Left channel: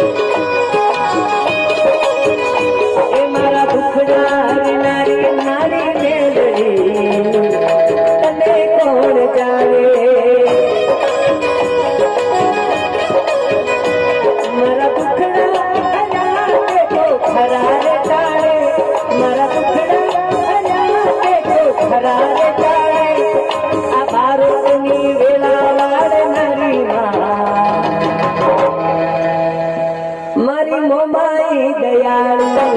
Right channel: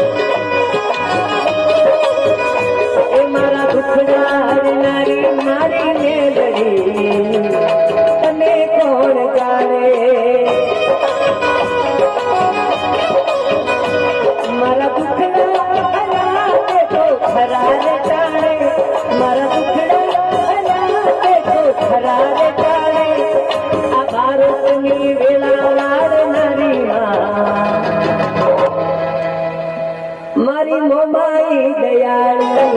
એ મારા દુખડા મારી મારી મેલડી તને કોણ જાણે મારા દુખડા ખરા રે જાણે મારા દુખડા ખરા રે જાણે આ ભારતની વેલા વાળનારી મારી મોમાઈ દયાળુ